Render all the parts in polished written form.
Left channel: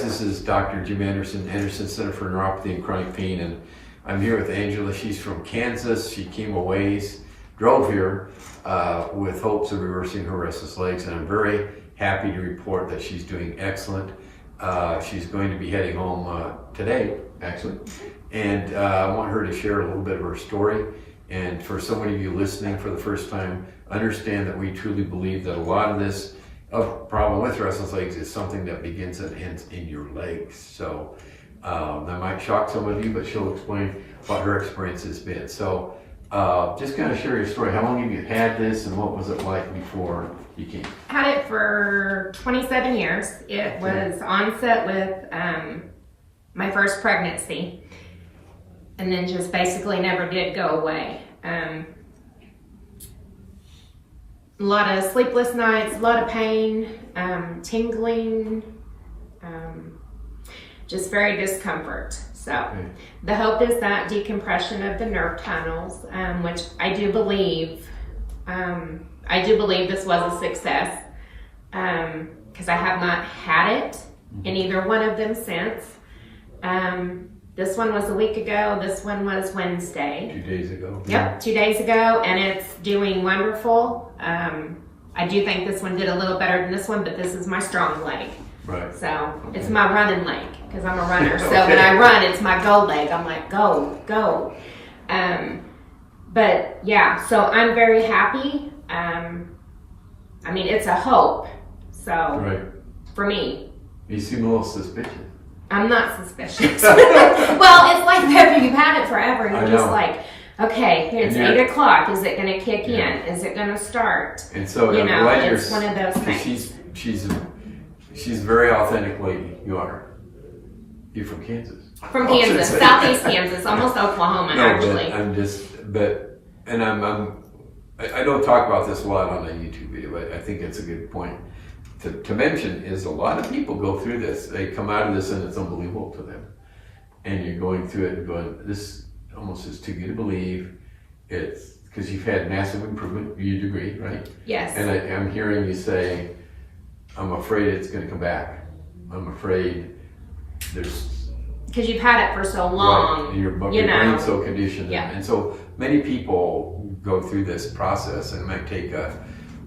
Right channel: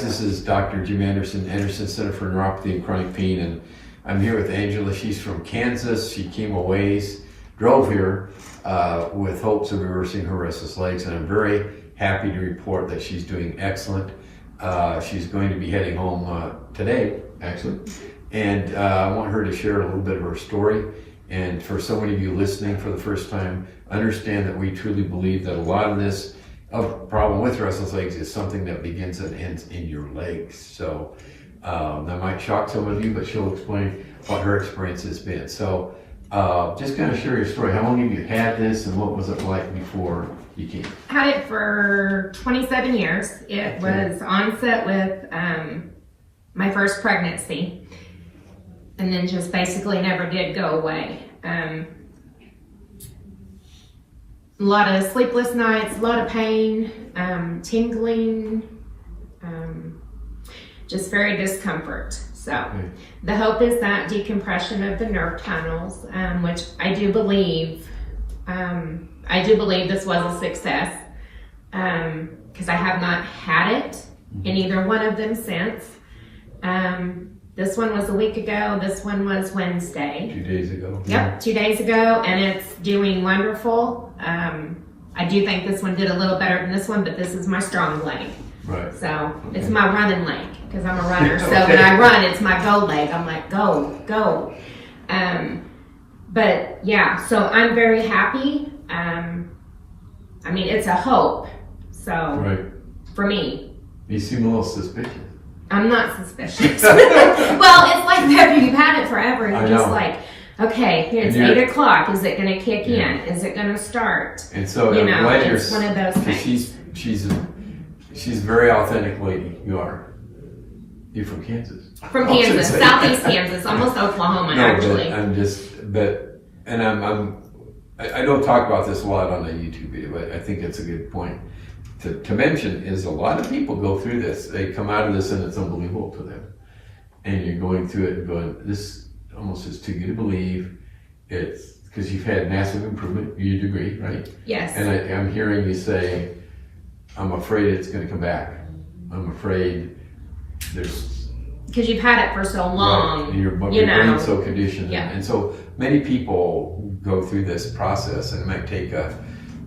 guys, this is Dr. Jim Anderson, Anderson Center for Neuropathy and Chronic Pain, and I'm here with Angela. She's from Kansas. She came a ways, drove here with hopes of reversing her restless legs, and I'm very happy to report that she's doing excellent. She's going to be heading home today, actually, and I want her to share a little bit of her story. And for so many of you listening for the first time, understand that we truly believe that a lot of this problem with restless legs is something that begins and ends in your legs. So that might shock some of you, but she'll explain what her experience has been. So just kind of share your story. How long have you had this, and what was it like before you came? Had it for 27 years. It was onset with my first pregnancy, and then just basically never did go away. A lot of sleepless nights, a lot of pain, tingling, just very discomfort. So the hope is that decompression of the nerve tunnels, which I do believe this was a success, because I have not had it in either one of them since. This one was a week ago. This one was Wednesday. 2 days ago. Yep, 2 days ago, and it's doing wonderful. I do think this one did a little better than this one, but this is my strong leg. Right. So it's my running leg, because I'm a runner. So when I run, it's my go leg. I'm like, go, go. But yeah, so I'm very happy. I mean, it's a hope. So for me. You seem a little suspicious. I'm not suspicious. Well, it's like you've had it forever. You're just like, okay, it's 8 o'clock. Is it going to kick in? Is it going to start? And so you know, it's one of those things. She's a very authentic lady. You are. You're from Kansas. From Kansas, southeast Kansas, almost Oklahoma, actually. I don't talk about this a lot on the YouTube video, but I think it's a good point to mention is a lot of people go through this. They come out of this and it's unbelievable to them. And you're going through it and going, this almost is too good to believe. It's because you've had massive improvement, you'd agree, right? Yes. And I'm hearing you say, I'm afraid it's going to come back. I'm afraid there's... Because you've had it for so long. Right. Your brain's so conditioned. Yeah. And so many people go through this process, and it might take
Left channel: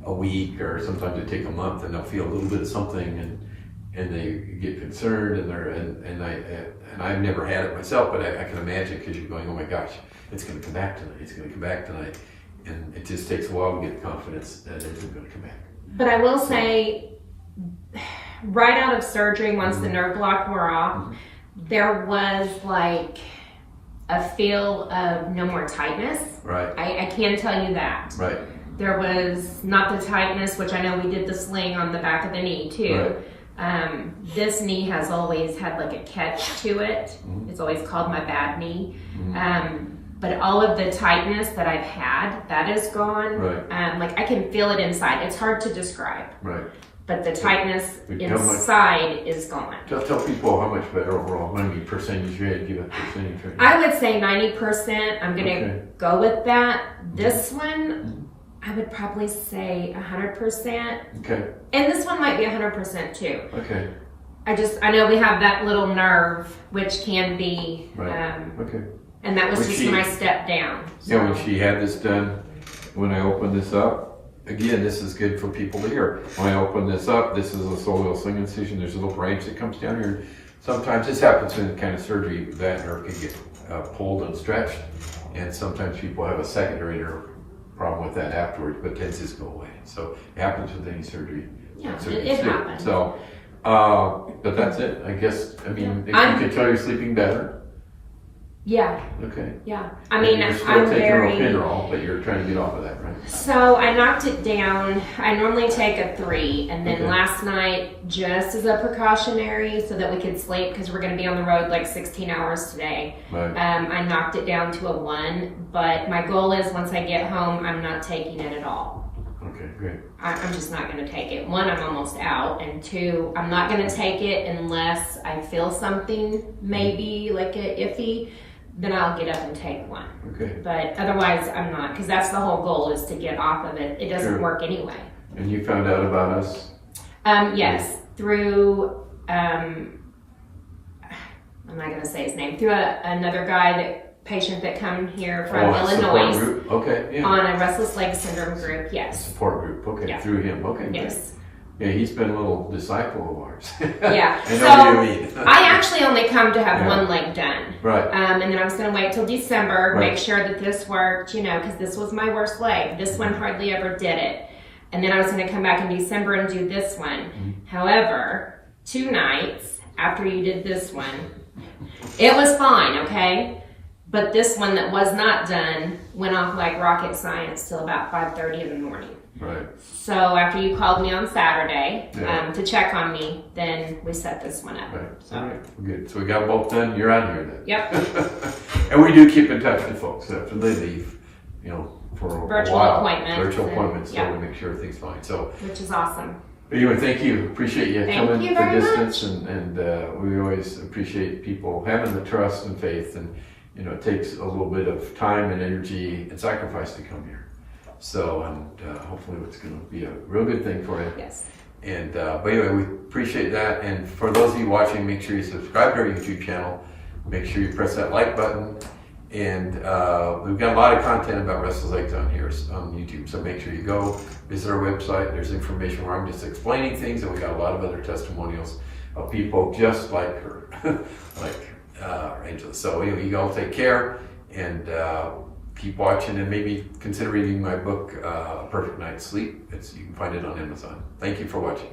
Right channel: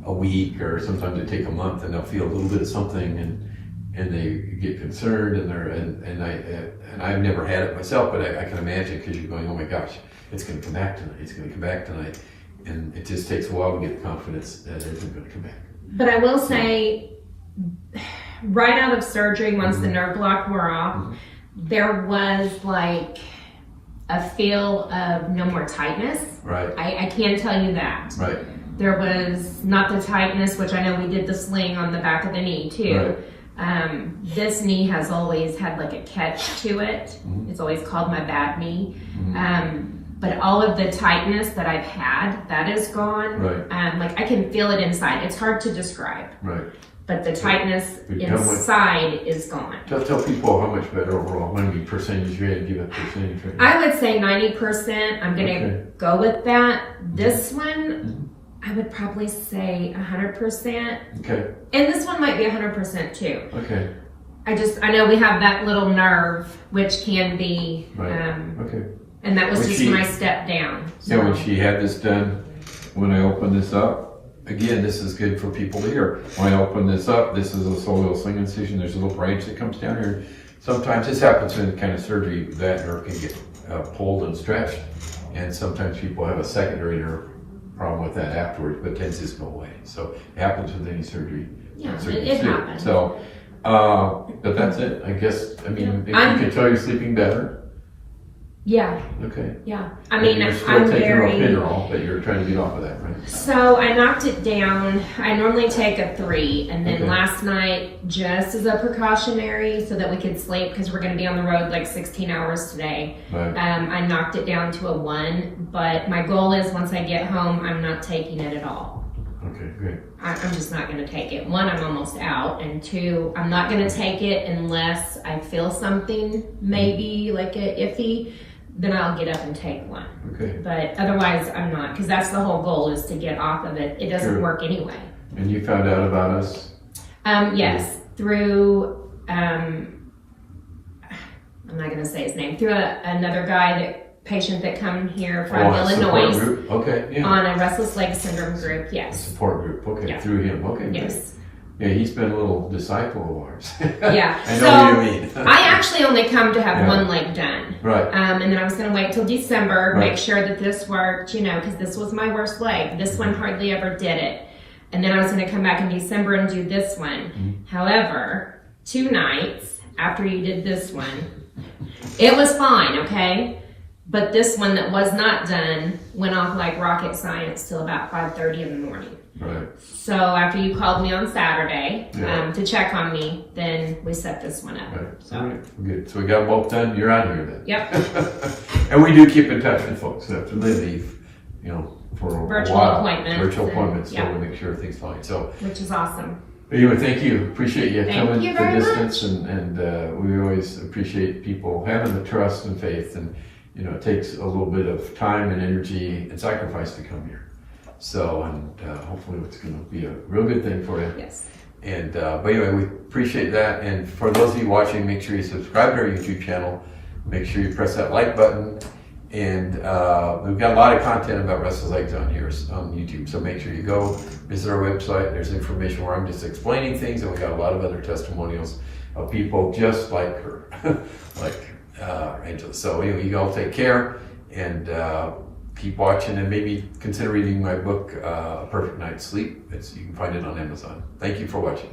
a week, or sometimes it take a month, and they'll feel a little bit of something, and they get concerned, and I've never had it myself, but I can imagine, because you're going, oh my gosh, it's going to come back tonight. It's going to come back tonight, and it just takes a while to get confidence that it isn't going to come back. But I will say, right out of surgery, once the nerve block wore off, there was like a feel of no more tightness. Right. I can tell you that. Right. There was not the tightness, which I know we did the sling on the back of the knee too. Right. This knee has always had like a catch to it. It's always called my bad knee. But all of the tightness that I've had, that is gone. Right. Like I can feel it inside. It's hard to describe. Right. But the tightness inside is gone. Tell people how much better overall. How many percentage you had to give a percentage? I would say 90%. I'm going to go with that. This one, I would probably say 100%. Okay. And this one might be 100% too. Okay. I know we have that little nerve, which can be, and that was just my step down. So. Yeah, when she had this done, when I opened this up, again, this is good for people to hear. When I open this up, this is a soleal sling incision. There's a little branch that comes down here. Sometimes this happens in kind of surgery, that nerve can get pulled and stretched. And sometimes people have a secondary nerve problem with that afterwards, but tends to go away. So it happens with any surgery. Yeah, it happens. So, but that's it. I guess, I mean, you can tell you're sleeping better. Yeah. Okay. Yeah. I mean, you're still taking Ropinerol, but you're trying to get off of that, right? So I knocked it down. I normally take a 3, and then last night, just as a precautionary, so that we could sleep, because we're going to be on the road like 16 hours today. Right. I knocked it down to a 1, but my goal is once I get home, I'm not taking it at all. Okay, great. I'm just not going to take it. 1, I'm almost out, and 2, I'm not going to take it unless I feel something, maybe like a iffy. Then I'll get up and take 1. Okay. But otherwise, I'm not, because that's the whole goal, is to get off of it. It doesn't work anyway. And you found out about us? Yes, through I'm not going to say his name, through another patient that come here from a Illinois. Support group. Okay, yeah. On a restless leg syndrome group, yes. Support group, okay, Yeah. through him, okay. Yes. Good. Yeah, he's been a little disciple of ours. Yeah. I know what you mean. I actually only come to have Yeah. one leg done. Right. And then I was going to wait till December, Right. make sure that this worked, because this was my worst leg. This one hardly ever did it. And then I was going to come back in December and do this one. However, 2 nights after you did this one, it was fine, okay? But this one that was not done went off like rocket science till about 5:30 in the morning. Right. So after you called me on Saturday Yeah. to check on me, then we set this one up. Right. So. All right. Good. So we got both done. You're on here then. Yep. And we do keep in touch with folks after they leave, for Virtual a while. appointments Virtual and- appointments, yeah. to make sure everything's fine. So, Which is awesome. anyway, thank you. Appreciate you Thank coming you the very distance, and we always appreciate people having the trust and faith, and it takes a little bit of time and energy and sacrifice to come here. So, and hopefully it's going to be a real good thing for you. Yes. And but anyway, we appreciate that. And for those of you watching, make sure you subscribe to our YouTube channel. Make sure you press that like button. And we've got a lot of content about restless legs on here on YouTube. So make sure you go visit our website. There's information where I'm just explaining things, and we got a lot of other testimonials of people just like her, like Angela. So anyway, you all take care and keep watching, and maybe consider reading my book, A Perfect Night's Sleep. You can find it on Amazon. Thank you for watching.